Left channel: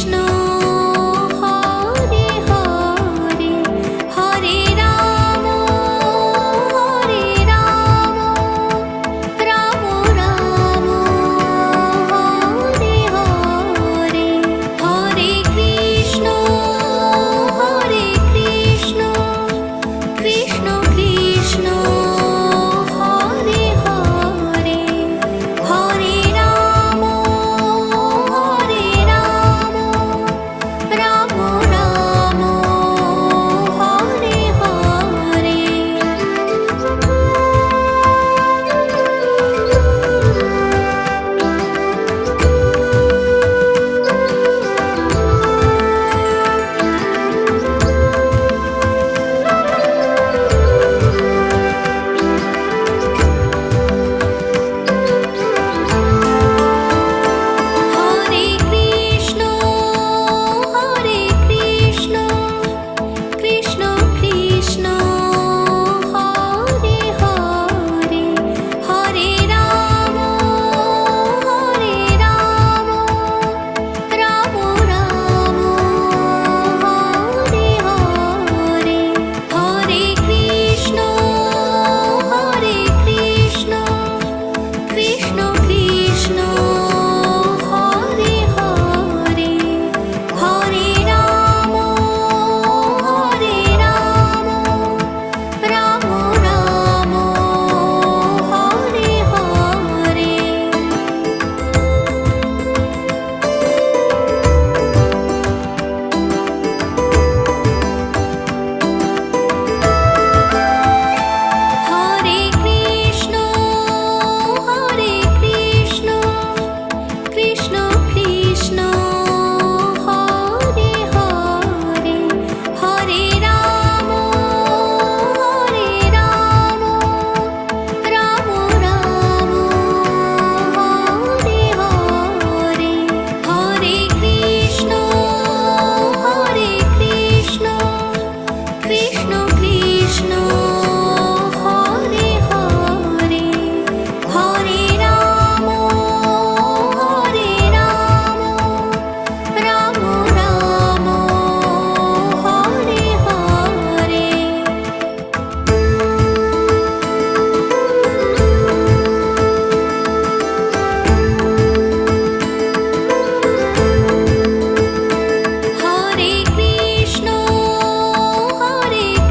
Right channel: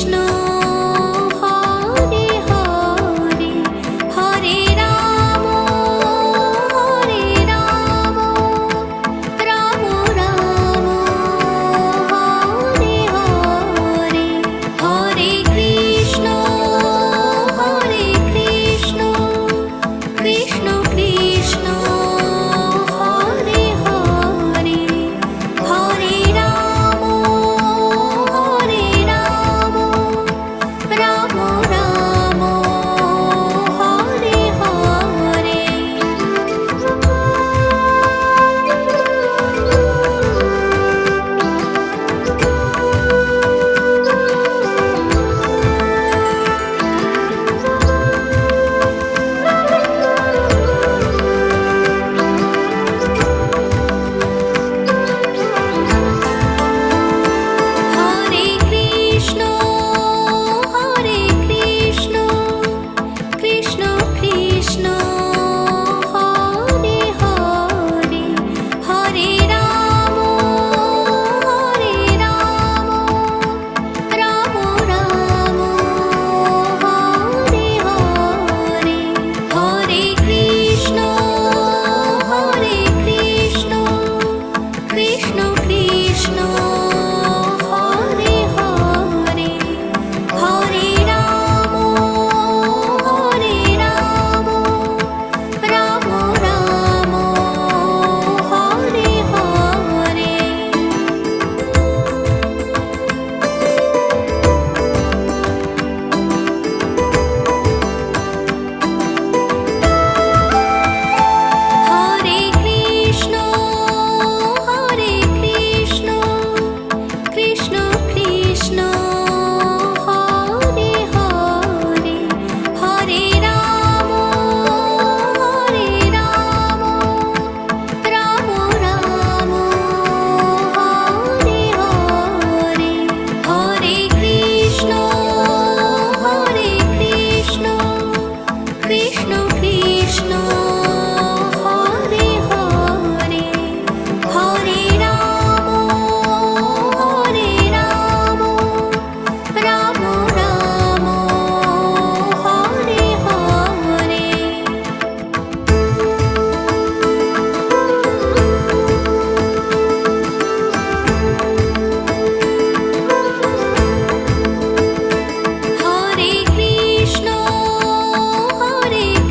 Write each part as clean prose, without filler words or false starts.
Hare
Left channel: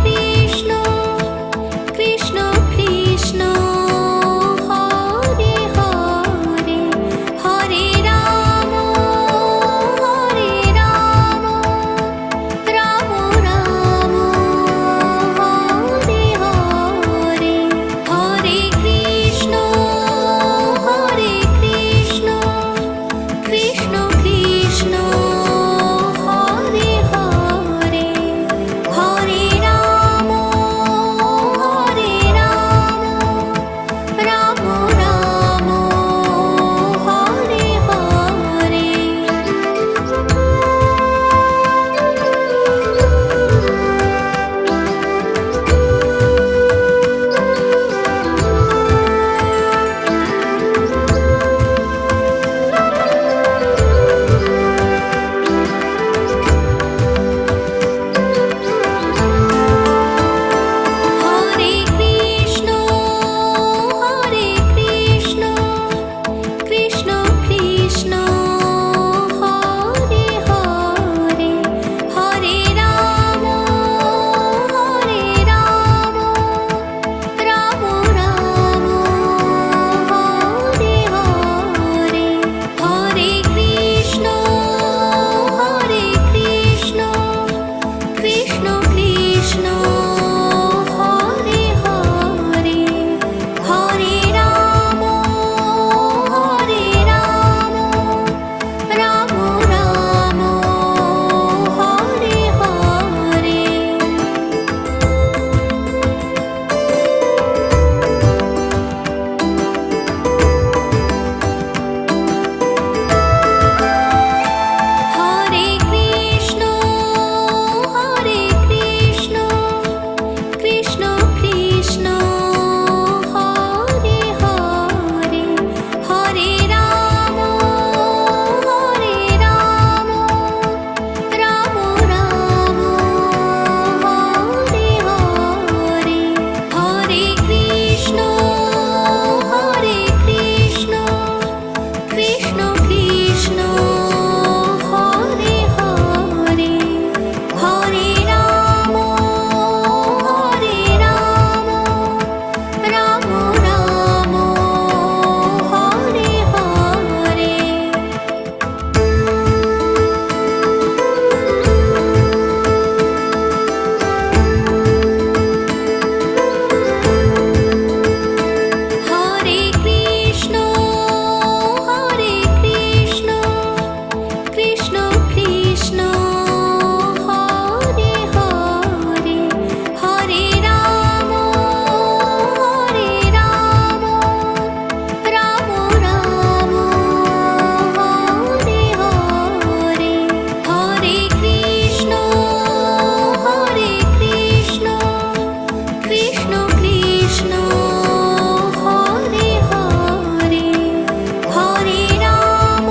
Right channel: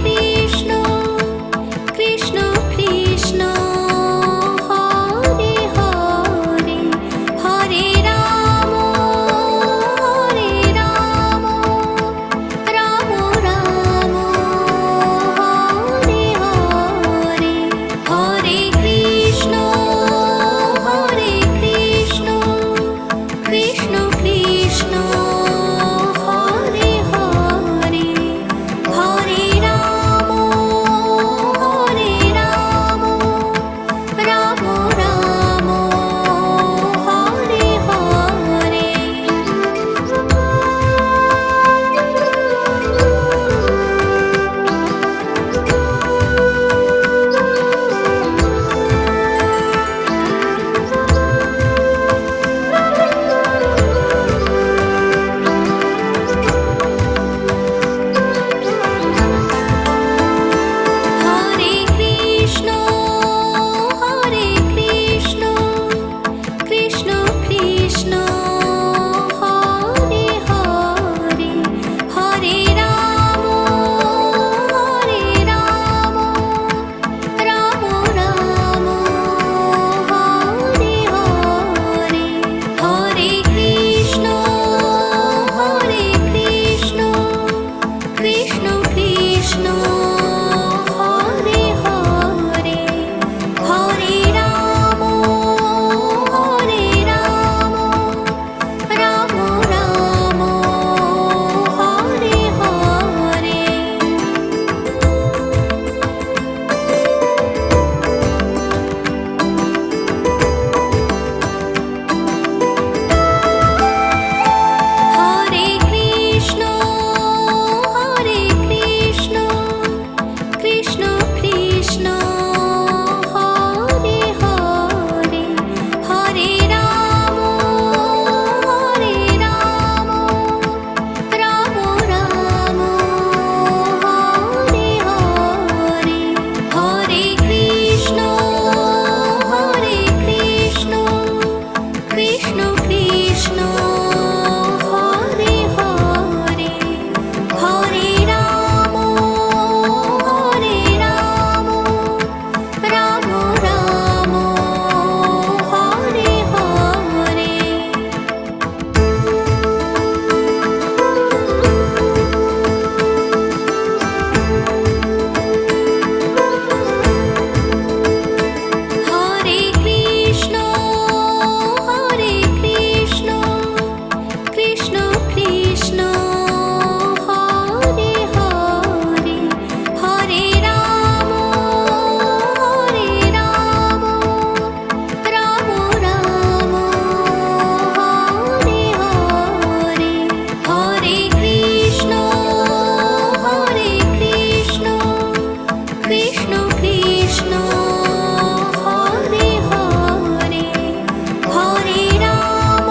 Krishna, Krishna Hare Hare Hare Ram Ram Ram Hare Hare Hare Krishna Krishna Krishna Hare Hare Hare Ram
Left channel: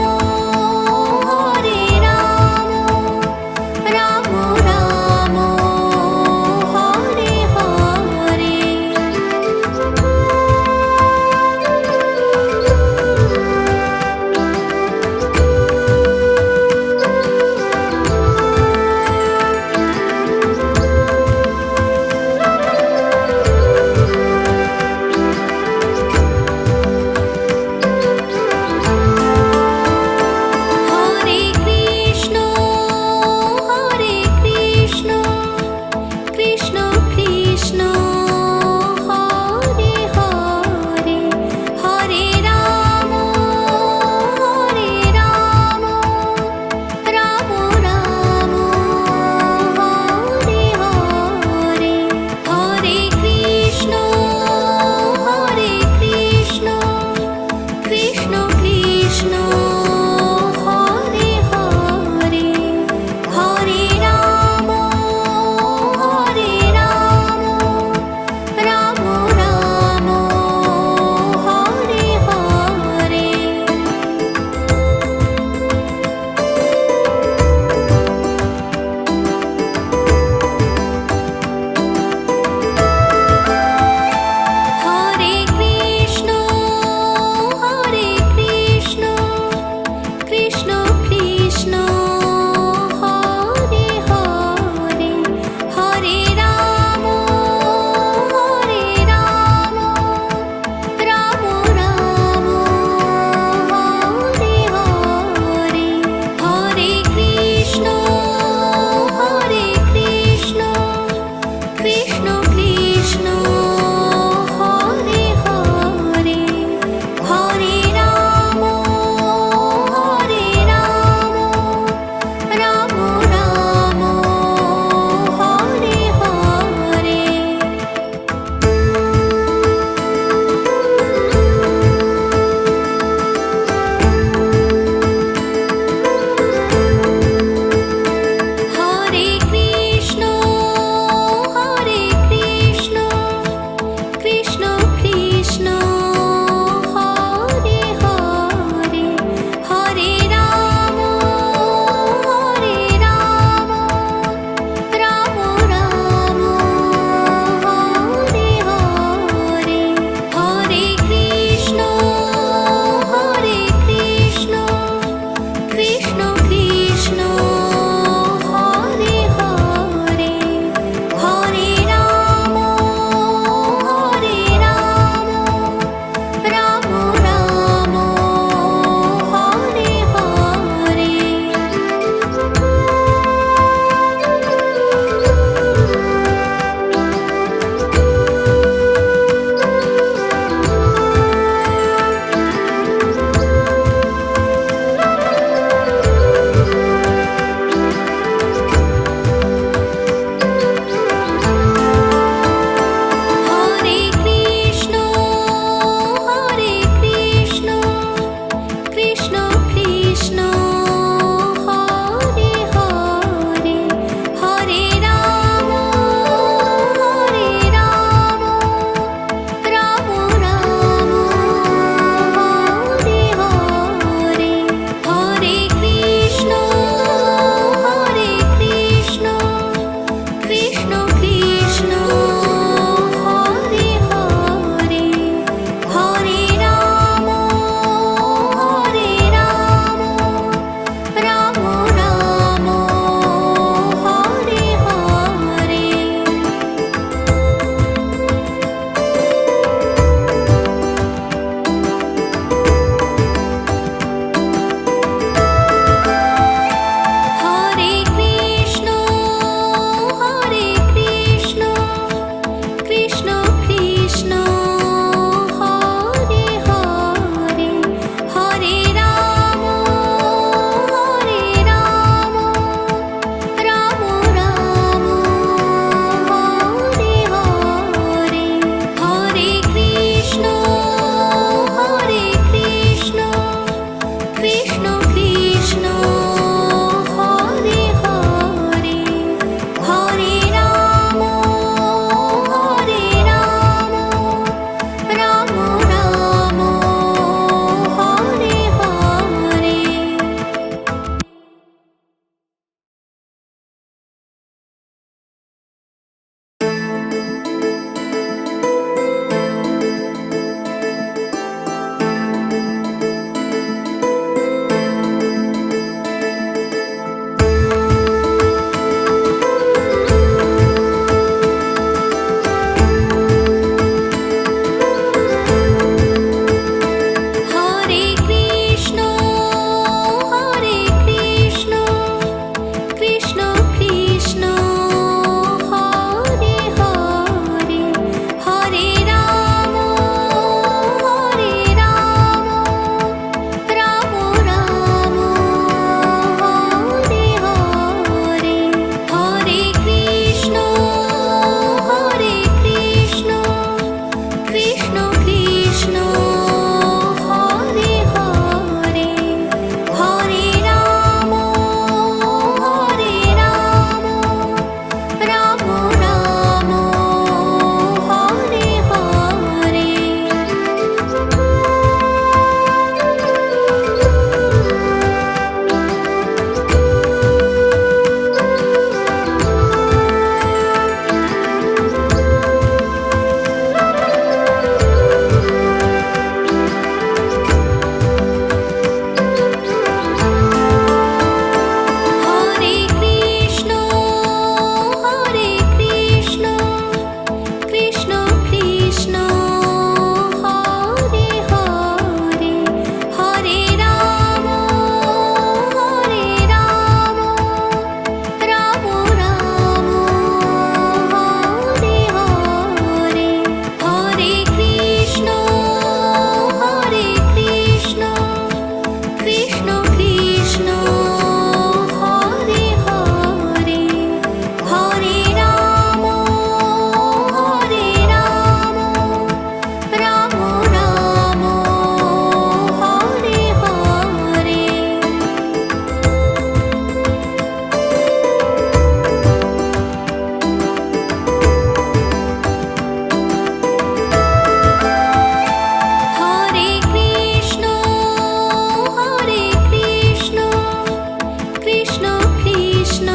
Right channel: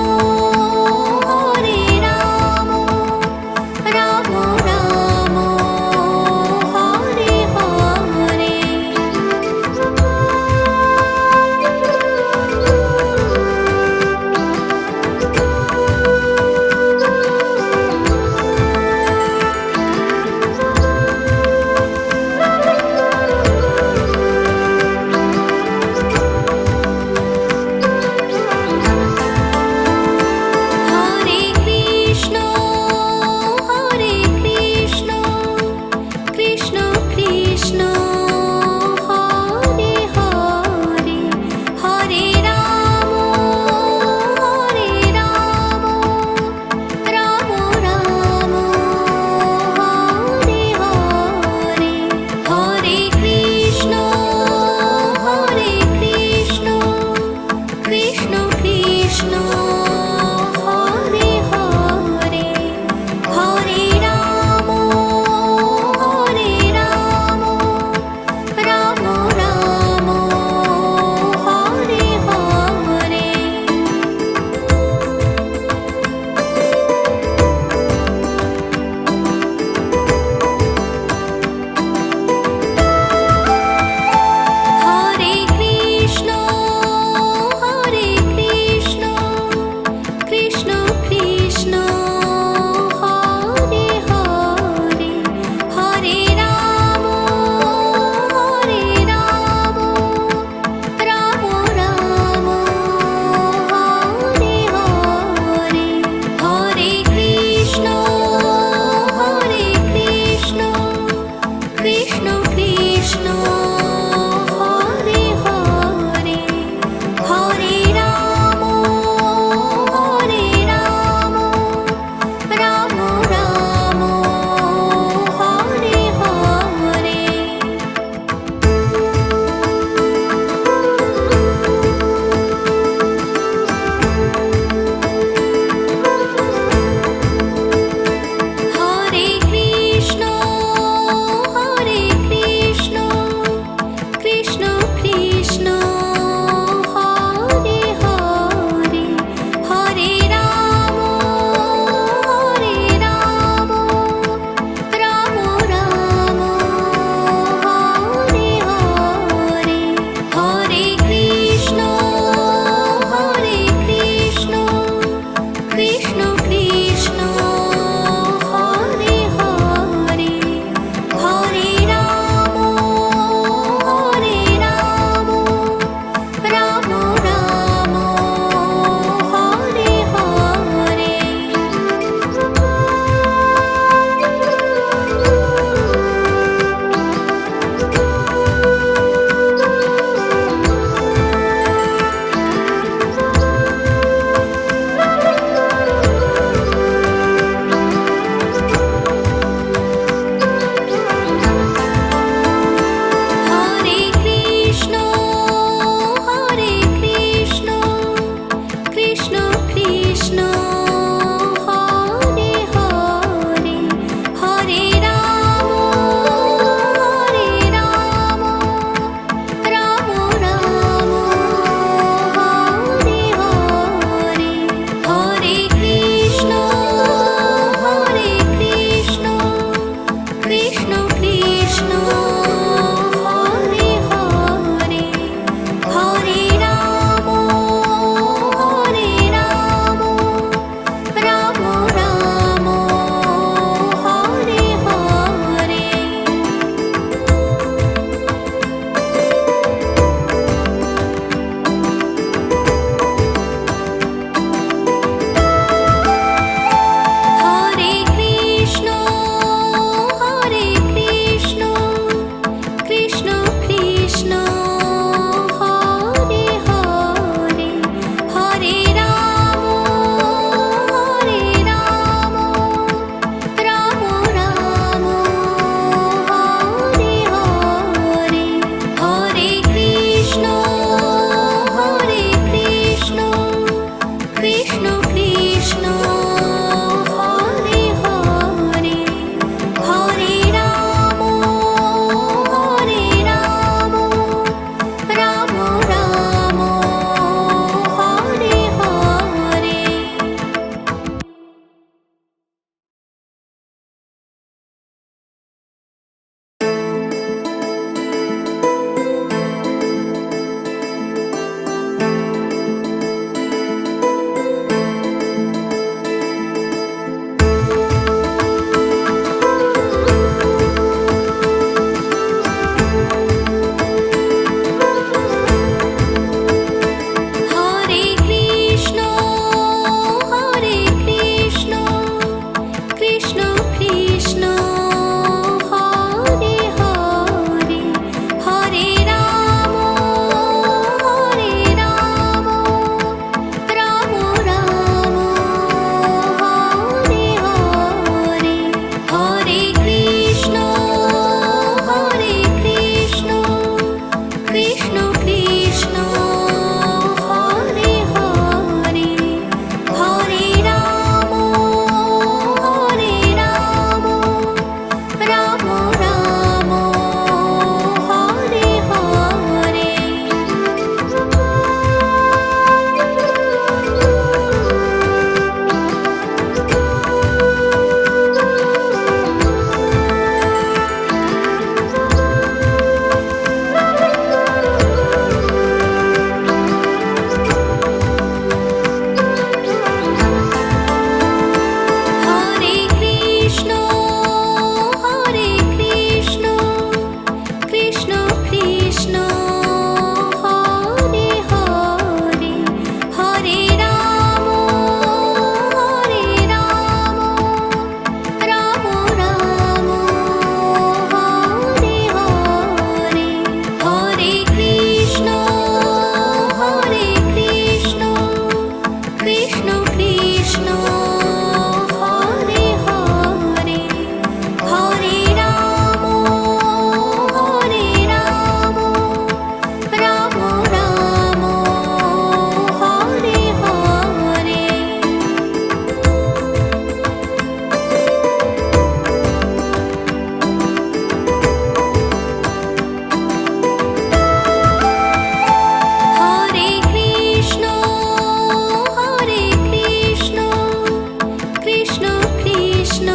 Krishna Krishna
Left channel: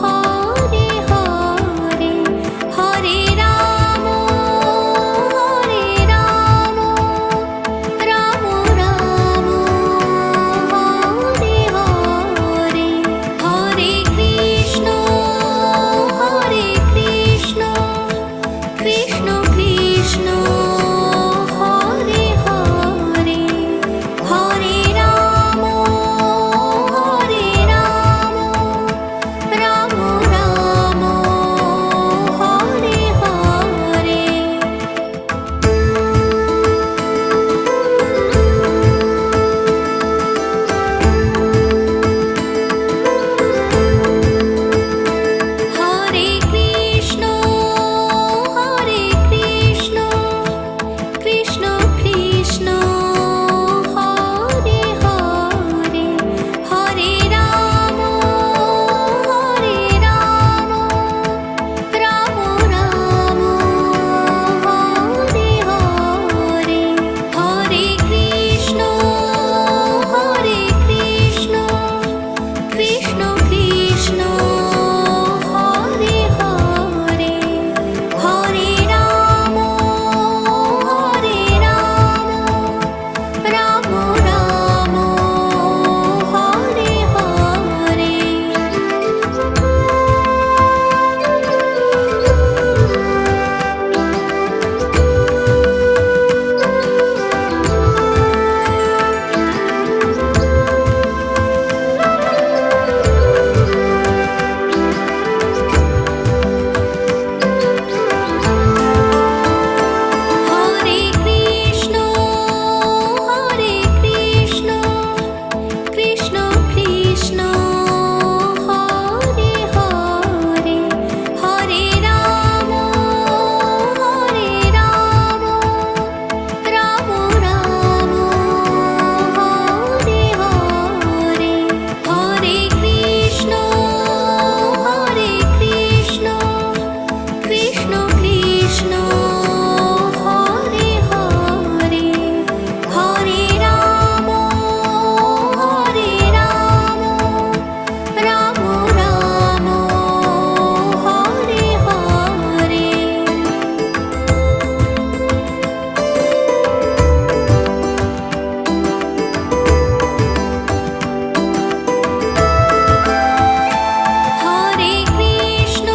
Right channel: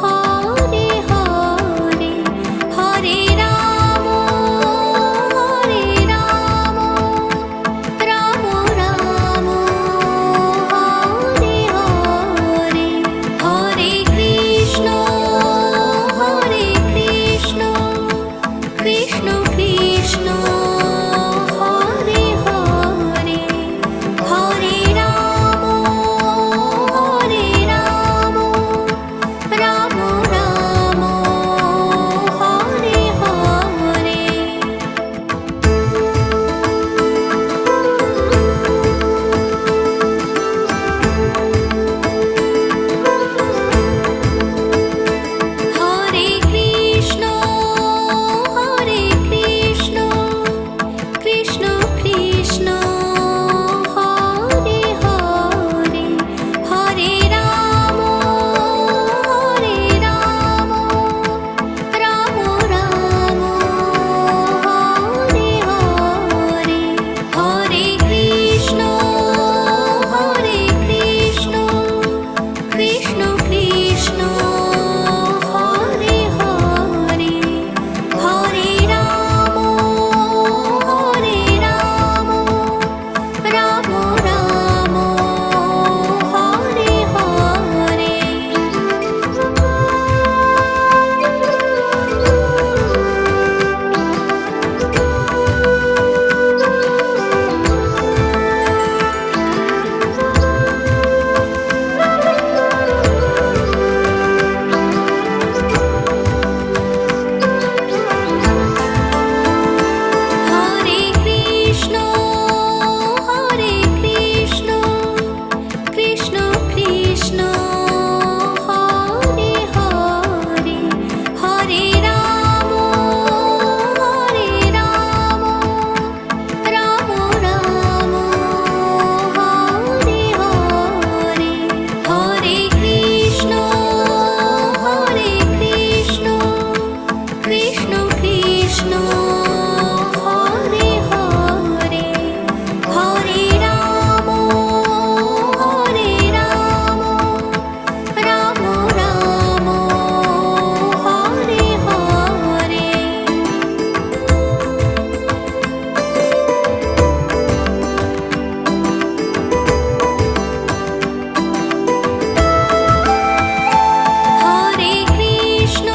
Hare Hare Hare Ram Ram Ram Hare Hare Hare Krishna Krishna Krishna Hare Hare Hare Ram Ram Ram Hare Hare Hare Krishna Krishna Krishna Hare Hare Hare Ram Ram Ram Hare Hare Hare Krishna Krishna Krishna Hare Hare Hare Ram Ram Ram Hare Hare Hare Krishna Krishna Krishna Hare Hare Hare Ram Ram Ram Hare Hare Hare Krishna Krishna Krishna Hare Hare Hare Ram Ram Ram Hare Hare Hare Krishna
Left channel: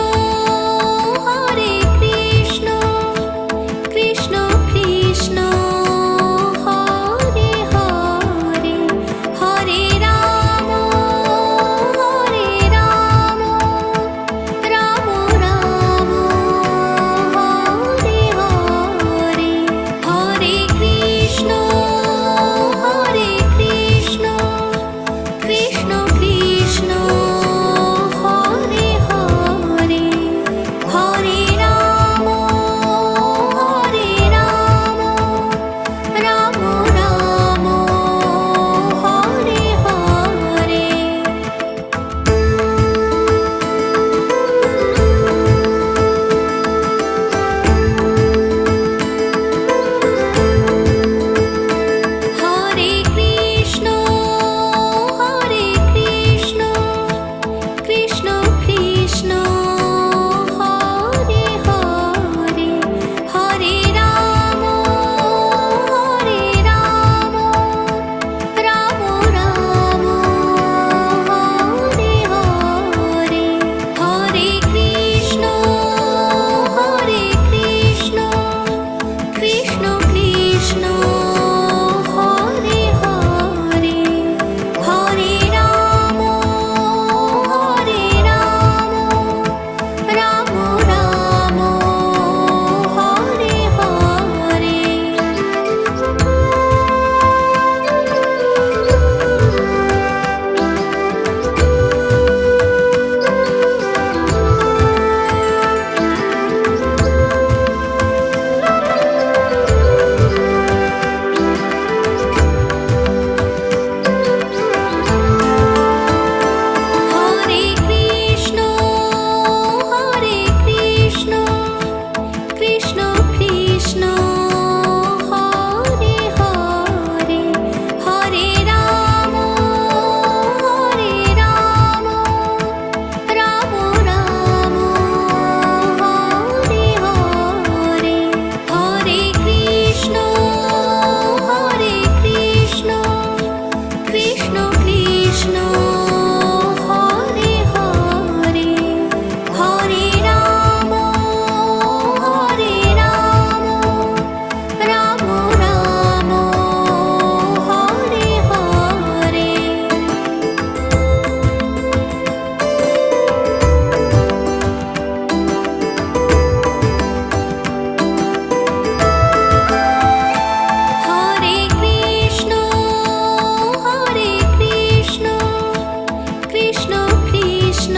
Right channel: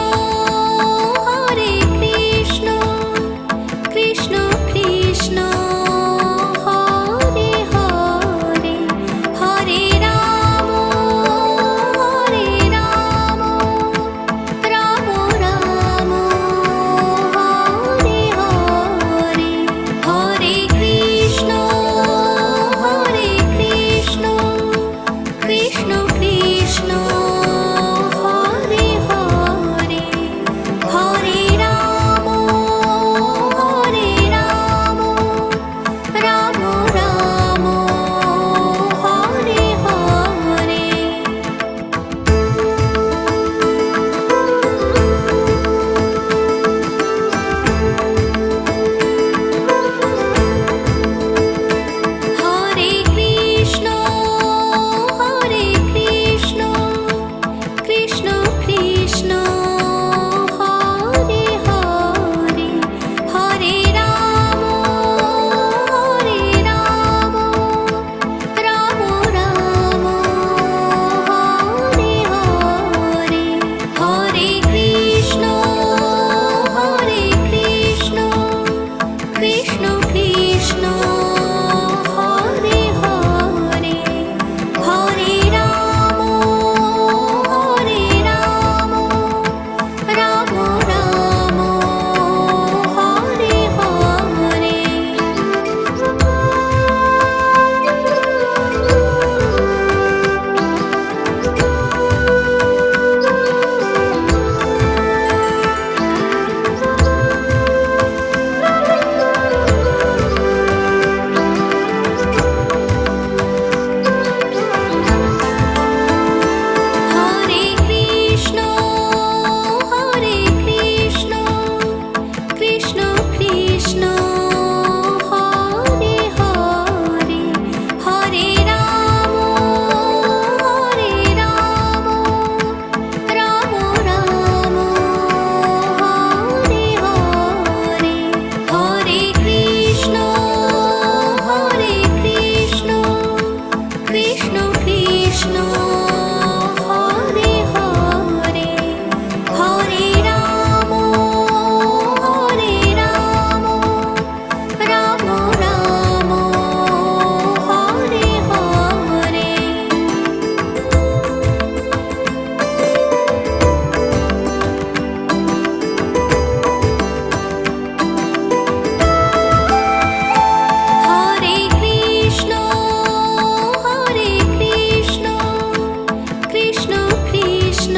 Krishna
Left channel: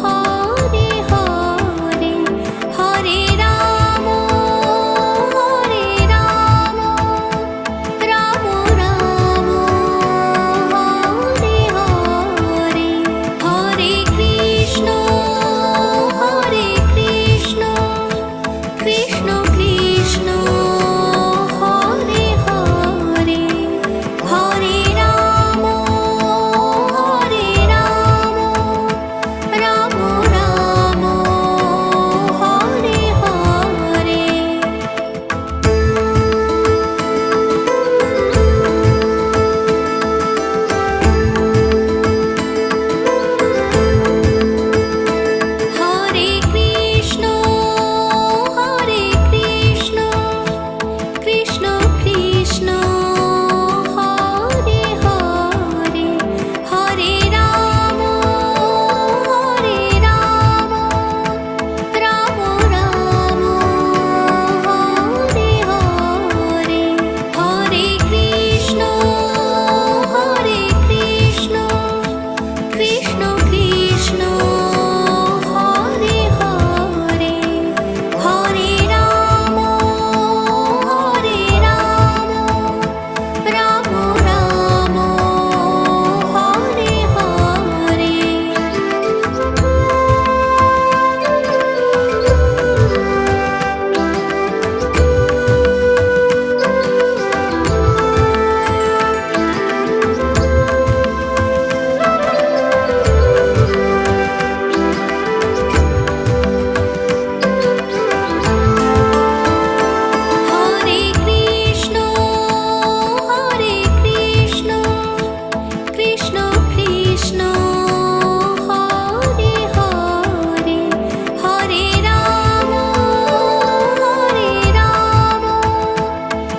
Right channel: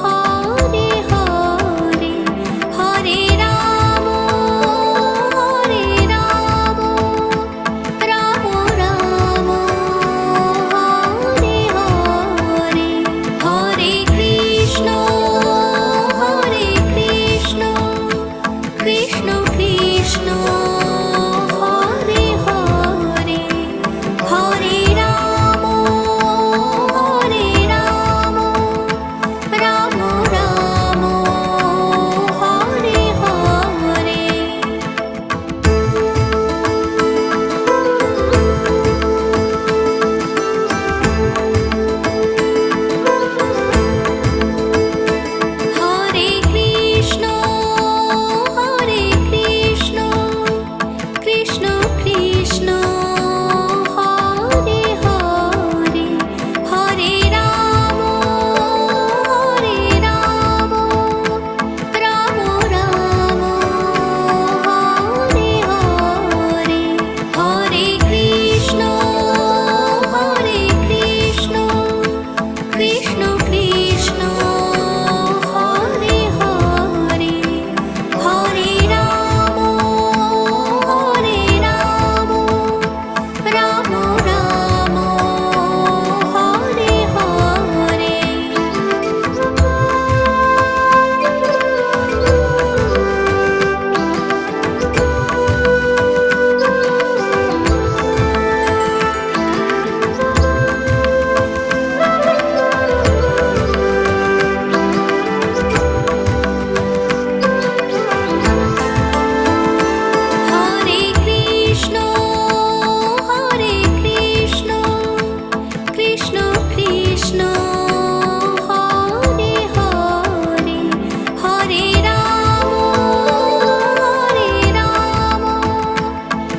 Hare Hare Hare Ram Ram Ram Hare Hare Hare Krishna Krishna Krishna Hare Hare Hare Ram Ram Ram Hare Hare Hare Krishna Krishna Krishna Hare Hare Hare Ram Ram Ram Hare Hare Hare Krishna Krishna Krishna Hare Hare Hare Ram Ram Ram Hare Hare Hare Krishna Krishna Krishna Hare Hare Hare Ram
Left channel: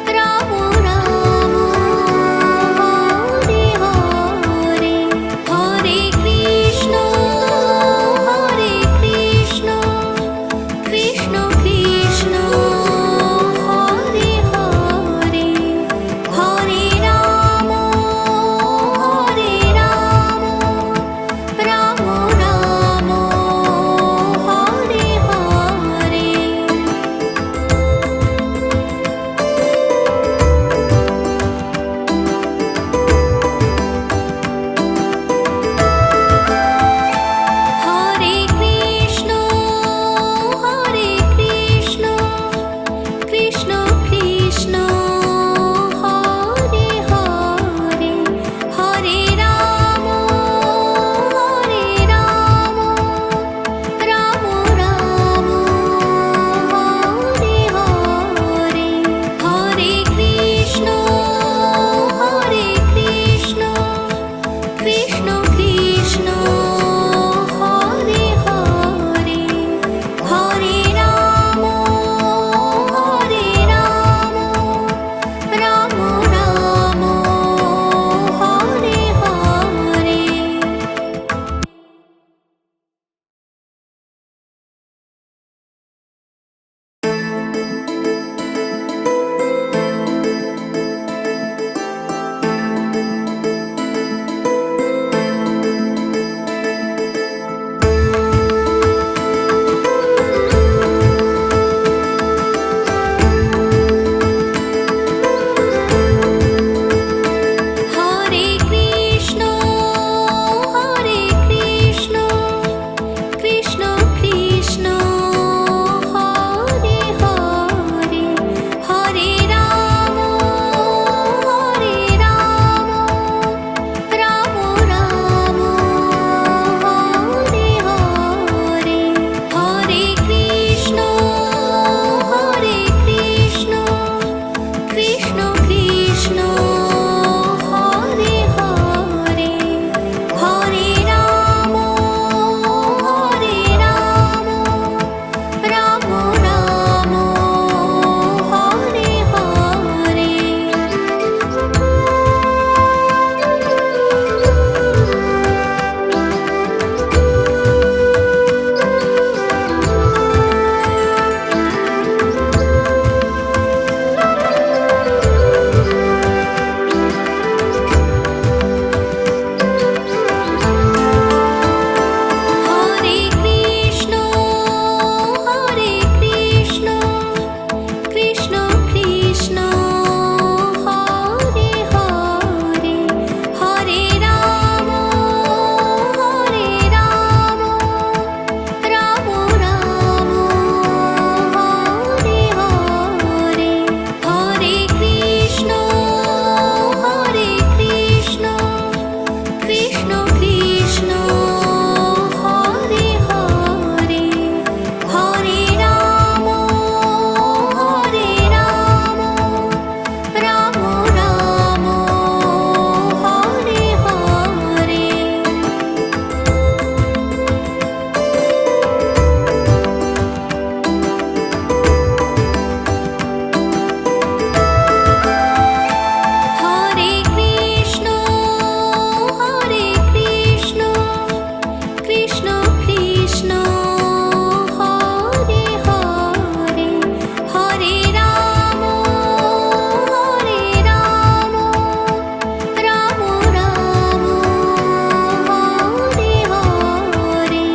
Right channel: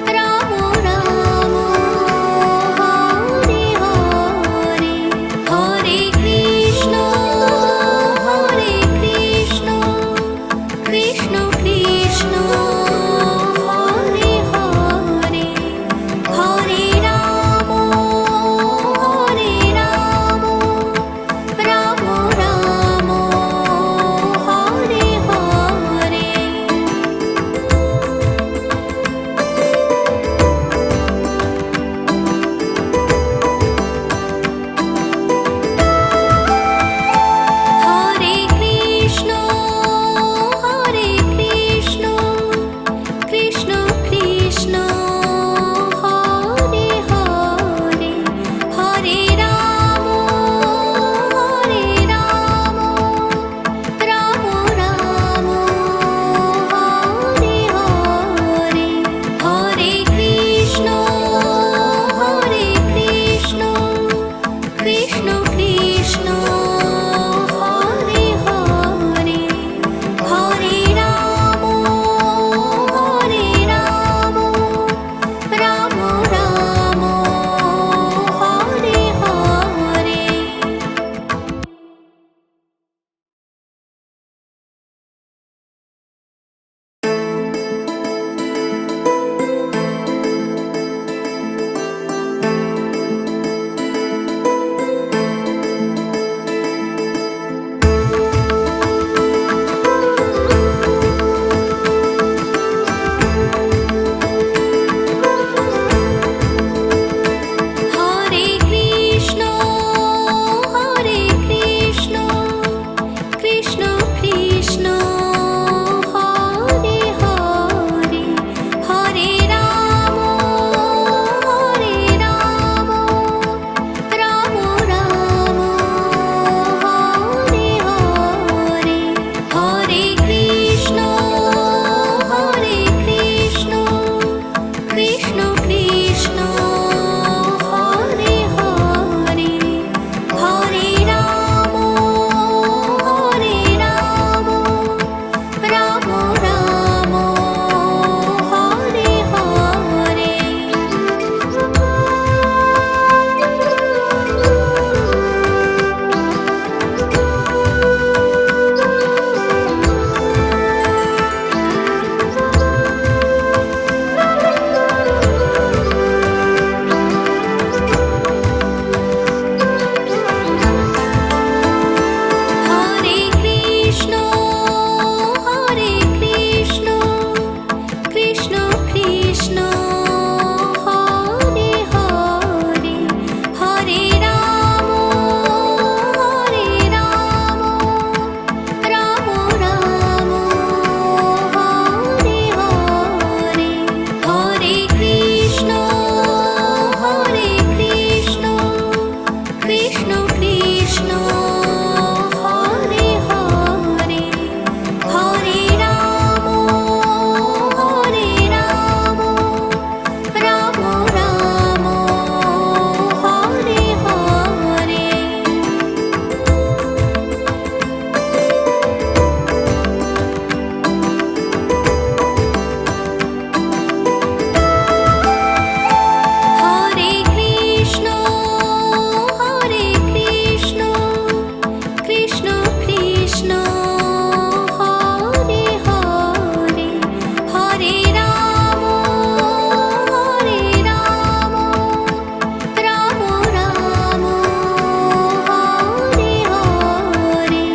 Ram Ram Hare Hare Hare Krishna Krishna Krishna Hare Hare Hare Ram Ram Ram Hare Hare Hare Krishna Krishna Krishna Hare Hare Hare Ram Ram Ram Hare Hare Hare Krishna Krishna Krishna Hare Hare Hare Ram Ram Ram Hare Hare Krishna Hare Hare Hare Ram Ram Ram Hare Hare. Hare Krishna Krishna Krishna Hare Hare Hare Ram Ram Ram Hare Hare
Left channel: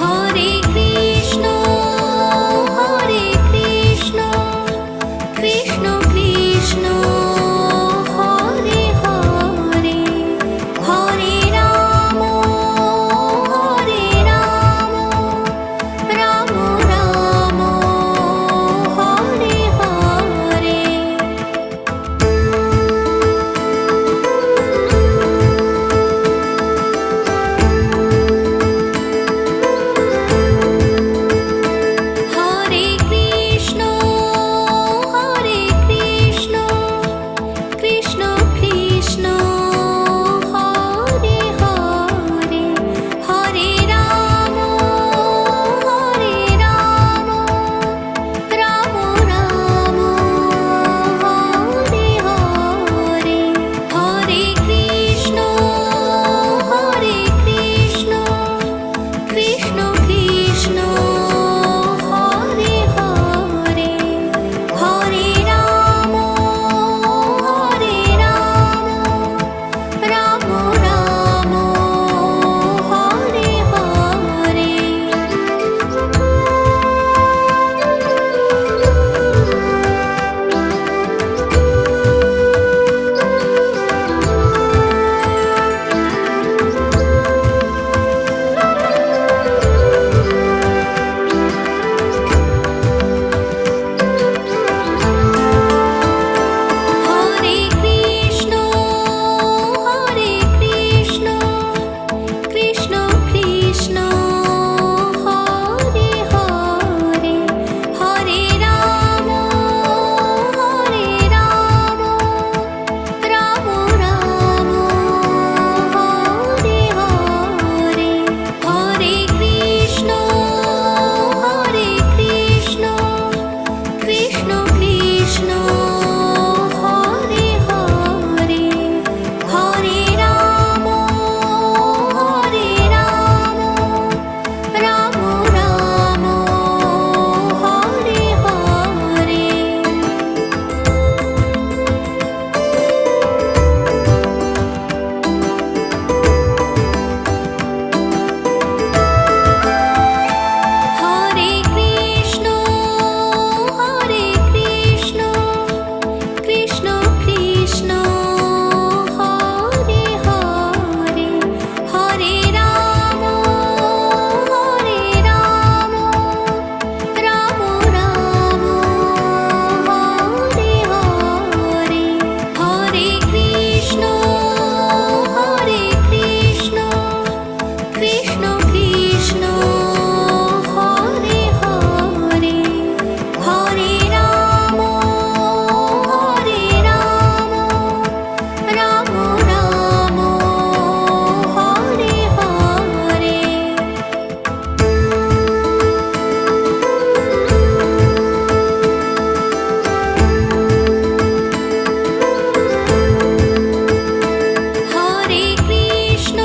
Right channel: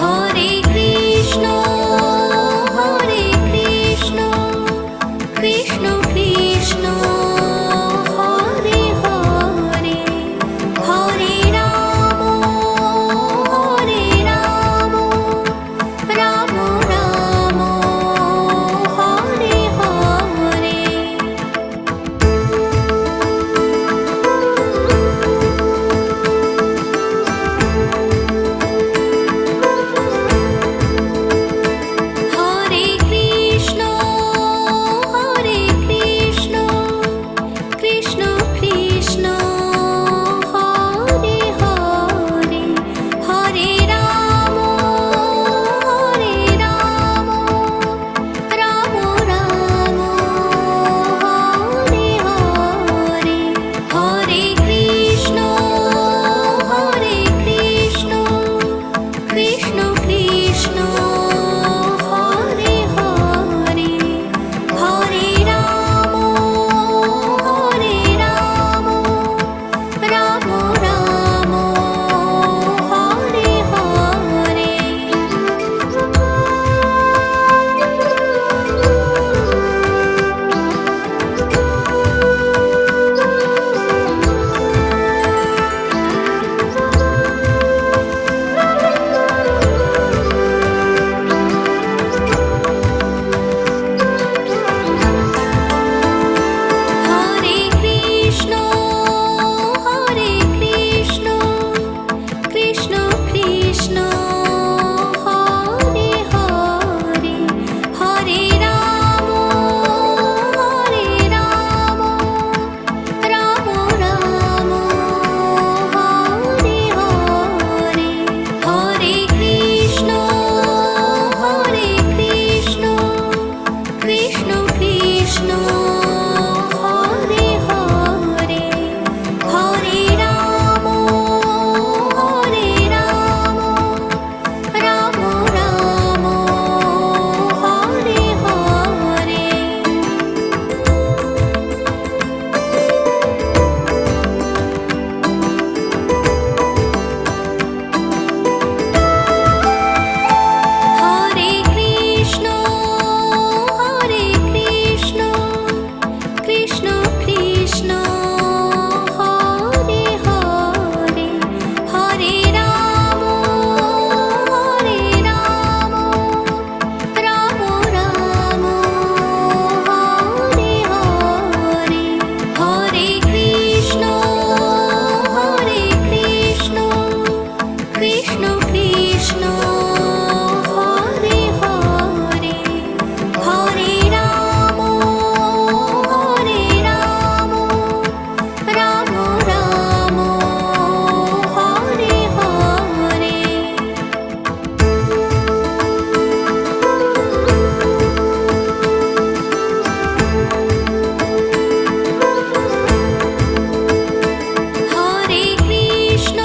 Hare Krishna Krishna Krishna Hare Hare Hare Ram Ram Ram Hare Hare. Hare Krishna Krishna Krishna Hare Hare Hare Ram Ram Ram Hare Hare Hare Krishna Krishna Krishna Hare Hare Hare Ram Ram Ram Hare Hare. Hare Krishna Krishna Krishna Hare Hare Hare Ram Ram Ram Hare Hare Hare Krishna Krishna Krishna Hare Hare Hare Ram Ram Ram Hare Hare. Hare Krishna Krishna Krishna Hare Hare Hare Ram Ram Ram Hare Hare Hare Krishna Krishna Krishna Hare Hare Hare Ram Ram Ram Hare Hare. Hare Krishna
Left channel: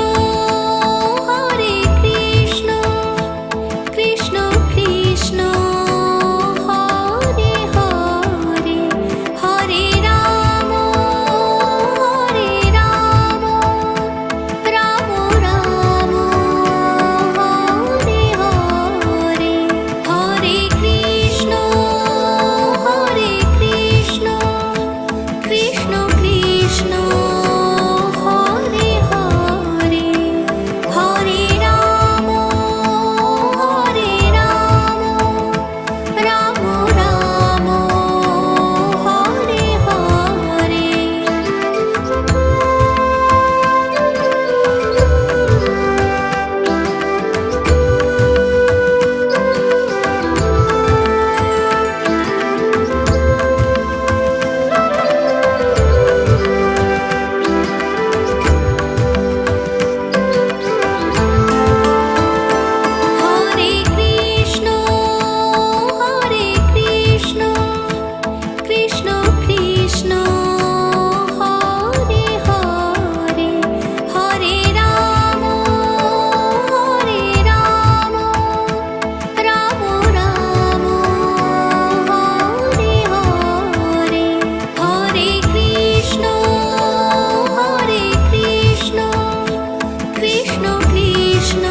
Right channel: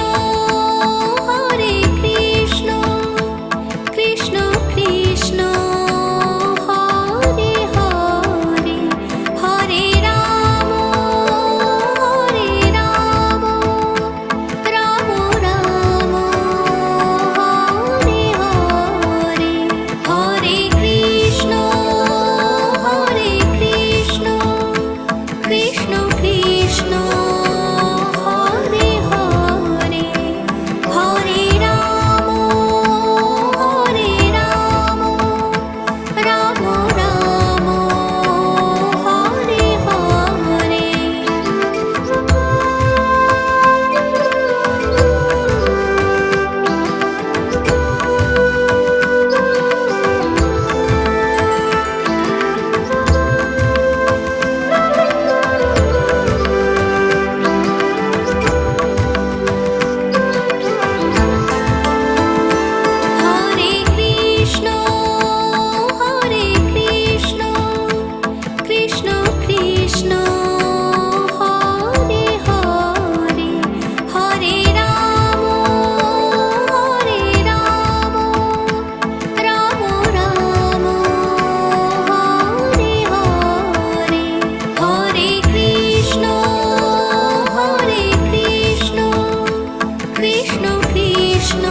Krishna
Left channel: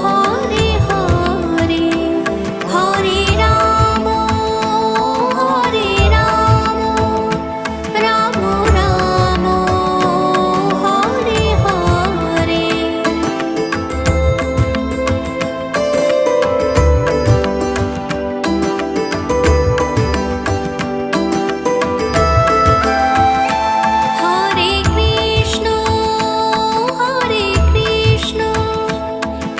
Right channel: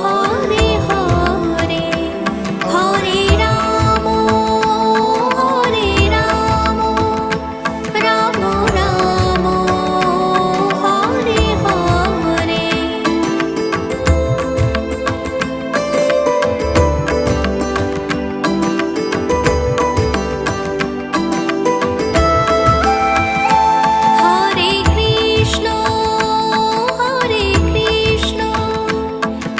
Hare Hare Hare Ram Ram Ram Hare Hare. Hare Krishna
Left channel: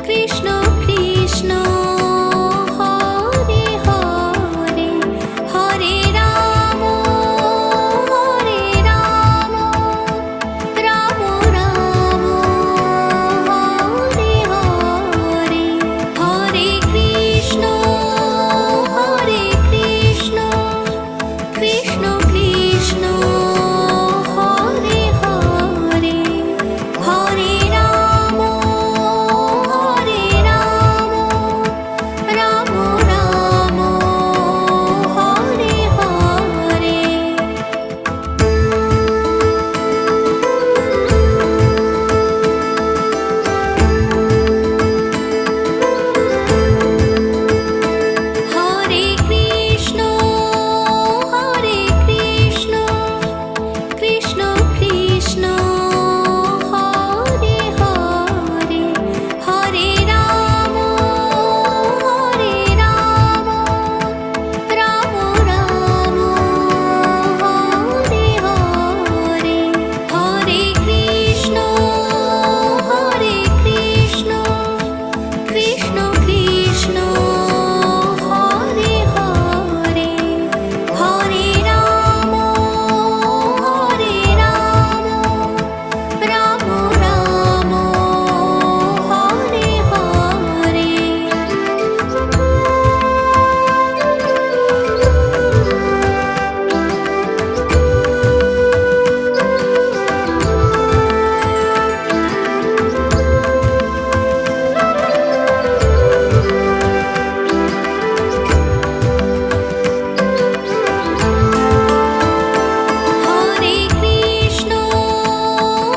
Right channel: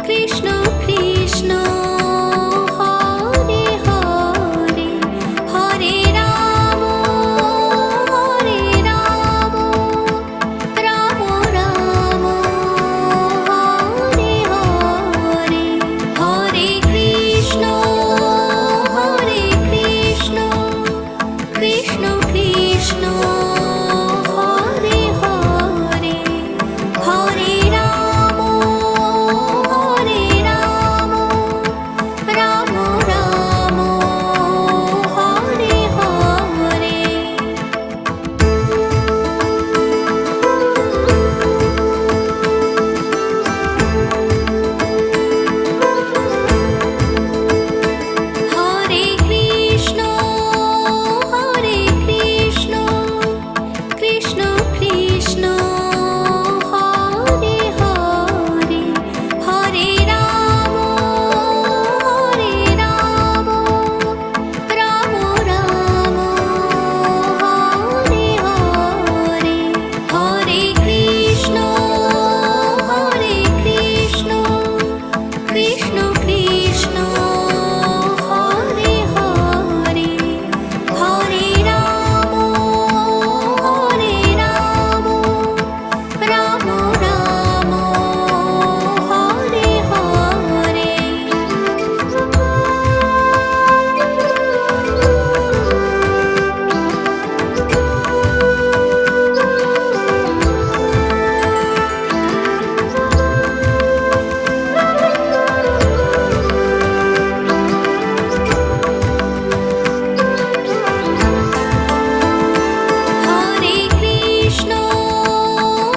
Krishna Krishna Hare Hare Hare Ram Ram Ram Hare Hare Hare Krishna Krishna Krishna Hare Hare Hare Ram Ram Ram Hare Hare. Hare Krishna Krishna Krishna Hare Hare Hare Ram Ram Ram Hare Hare Hare Krishna Krishna Krishna Hare Hare Hare Ram Ram Ram Hare Hare.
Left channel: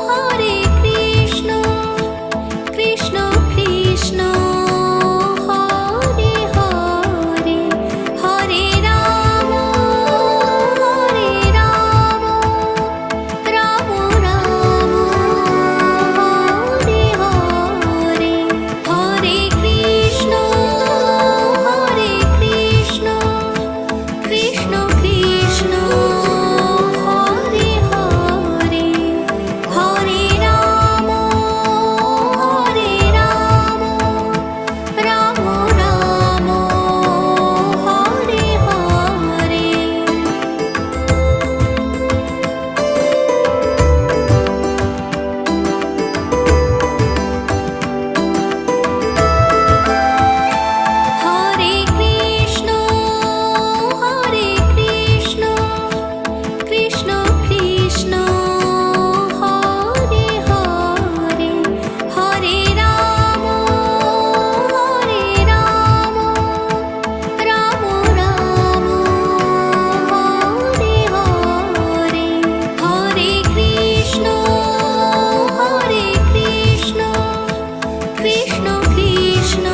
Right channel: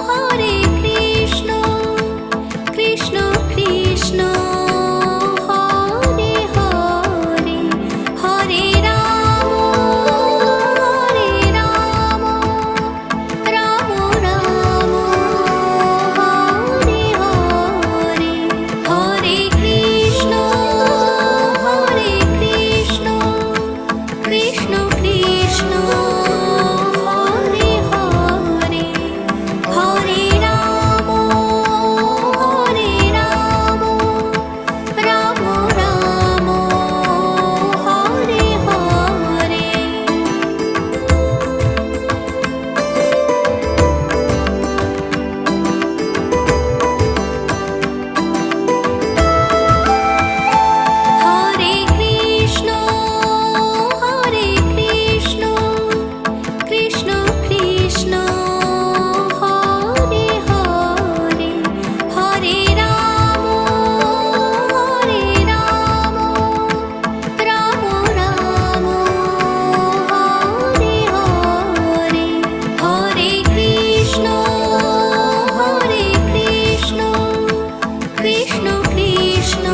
Hare Krishna Krishna Krishna Hare Hare Hare Ram Ram Ram Hare Hare Hare Krishna Krishna Krishna Hare Hare Hare Ram Ram Ram Hare Hare. Hare Krishna Krishna Krishna Hare Hare Hare Ram Ram Ram Hare Hare Hare Krishna Krishna Krishna